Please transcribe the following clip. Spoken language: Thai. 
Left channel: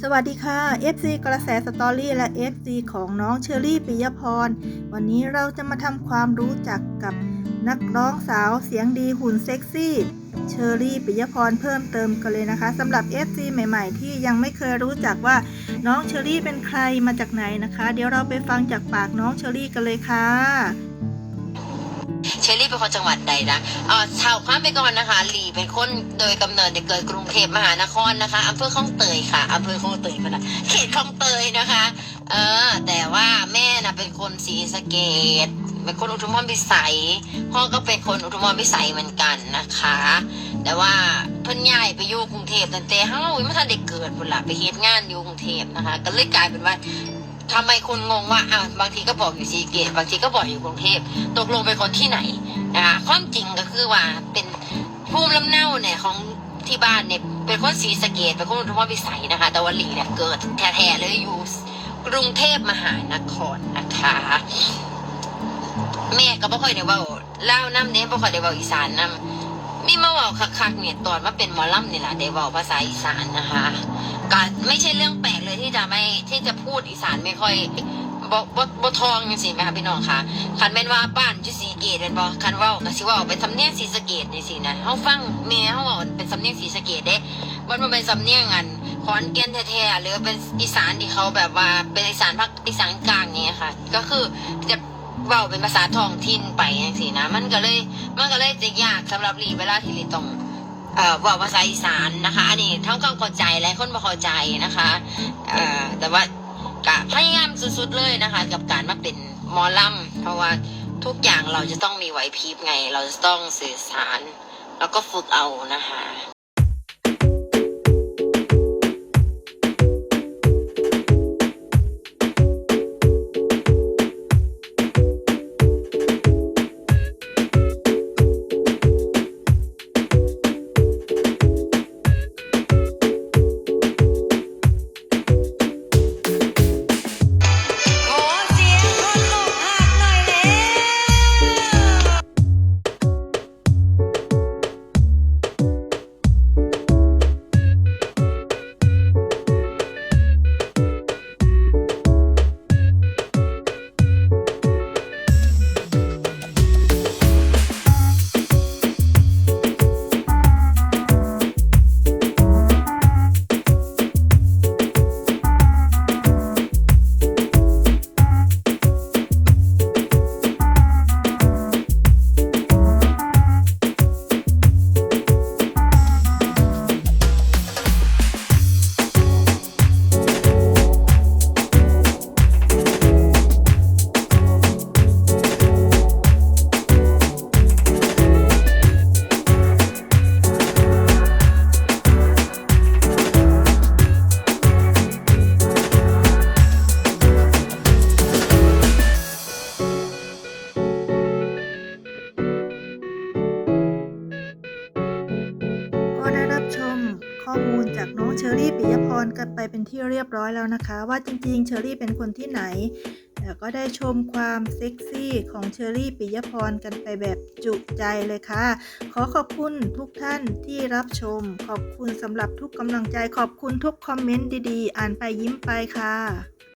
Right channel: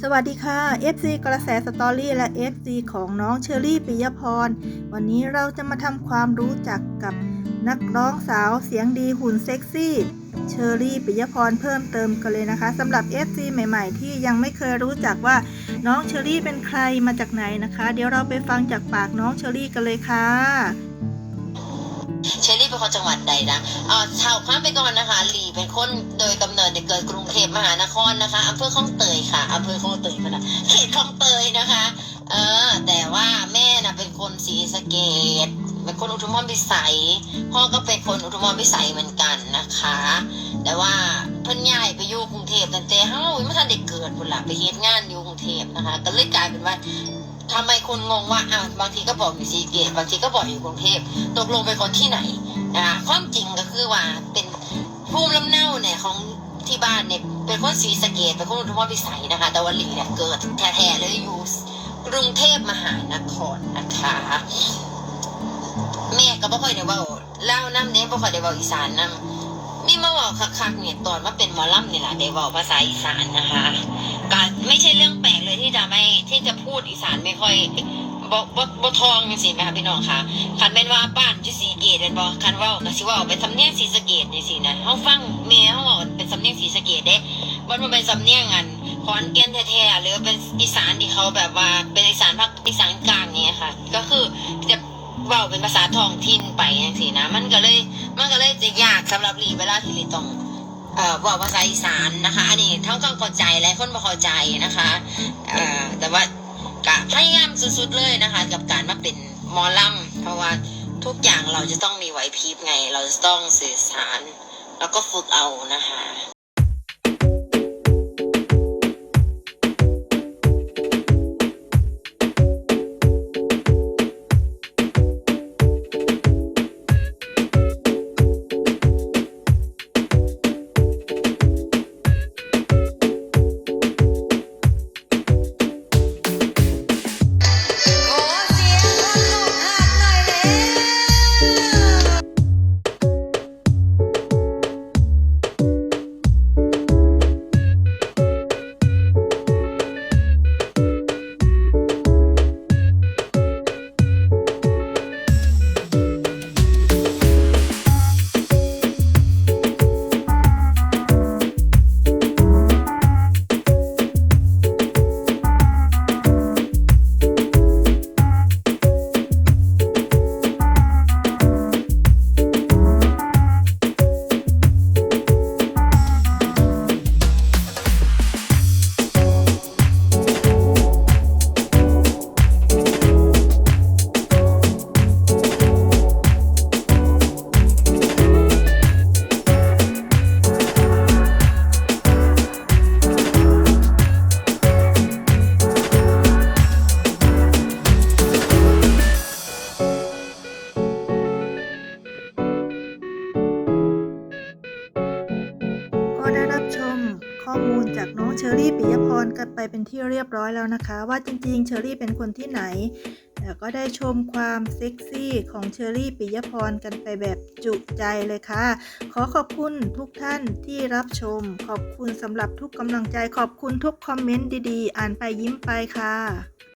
สวัสดีค่ะ FC กระแสสตอรี่และ FC ของน้องเชอรี่ปิยพร วันนี้เราจะมาทำความรู้จักกับนักร้องสาวเสียงดีหุ่นเซ็กซี่เชอรี่ปิยพรเพิ่มเติมกันเลยนะคะสำหรับ FC ใหม่ ๆ ที่ยังไม่เคยรู้จักว่าน้องเชอรี่เป็นใครมาจากไหนนะคะ เดี๋ยวเราไปฟังจากปากน้องเชอรี่กันเลยค่ะ เชอรี่เป็นคนจังหวัดใดนะเอ่อชาวความไปก่อนนะคะหลีเป็นคนโดยกำเนิดเนี่ยเกิดกรุงเทพมหานครนะคะอำเภอคลองเตยค่ะอำเภอคลองเตยมาละเขตคลองเตยนะคะ เออ แต่ว่าแม่น่ะเป็นคนศรีสะเกดเป็นคนอุทุมพรพิสัย พ่อก็เป็นคนอุทุมพรพิสัยเหมือนกันนะคะ แต่ว่าเพิ่นย้ายไปอยู่กรุงเทพตั้งแต่เฮ้าไม่ทันได้เกิดพุ่นละไปเฮ็ดงานอยู่กรุงเทพนะคะ ก็เลยกลายเป็นว่า ทำไมคนงงว่าอะบางทีก็บอกอยู่ศรีเกดบางทีก็บอกอยู่กรุงเทพตกลงเป็นคนที่ไหนนะคะความจริงก็คือว่าเป็นภูมิลำเนาเนี่ยของที่บ้านเนี่ยเป็นคนศรีสะเกดเป็นคนอุทุมพรพิสัยนะคะ แต่ว่าหลีเนี่ยเกิดแท้ๆเลยอยู่กรุงเทพมหานครนะคะ แม่ก็บ่ค่อยได้เว้าเล่าน้ำเน้นบ่ค่อยได้เว้าอีสานน้ำมีมาเว้าคักๆเนี่ยตอนมาเป็นหมอลำนี่แหละได้เว้าภาษาอีสานนะคะ ก็ไม่ใช่เรื่องแปลกเลยที่จะไม่ที่จะพูดอีสานไม่ค่อยบ่บ่บ่ทองจังซี่แม่ค่ะพี่น้องค่ะคันแม่นว่าบ้านอยู่ศรีเกตเป็นบ่คันเว้าก็สิเว้าเป็นสำเนียงศรีสะเกตนี่สินะเฮาฟังแม่เฮาเว้าเป็นสำเนียงศรีสะเกตเด้บ่มันเป็นสำเนียงอันขอนแก่นแท้ๆหรือเป็นอีสานที่เขาแบบว่าเป็นอีสานภาคอีสานกลางเนี่ยค่ะ ก็คือจะเว้าเป็นภาษาท้องถิ่นไปจังซี่นะ มันก็เลยมันก็เลยจะยากสำหรับลีเวลาที่ลีต้อง เอ่อว่าภาษาอีสานนะคะ อันนี้ทั้งความเข้าใจและคนบ่เข้าใจนะคะเอ่อแต่ว่ากะพยายามสุดๆเลยนะคะ กับการมาเป็นหมอลำเพราะว่าทุกอย่างเราจะต้องมีไหวพริบไง เราจะต้องสื่อสาร แล้วก็ฝึกเอานะคะ ข้อมูลจากน้องเชอรี่ปิยพรกันไปเป็นที่เรียบร้อยแล้วนะคะ ว่าจริงๆเชอรี่เป็นคนที่ไหนแล้วก็ได้ชมความเซ็กซี่ของเชอรี่ปิยพรกันไปแบบจุใจเลยค่ะ ขอขอบคุณทุกท่านที่รับชม ขอบคุณสำหรับทุกกำลังใจ ขอบคุณทุกคอมเมนต์ดีๆ อ่านไปยิ้มไปค่ะ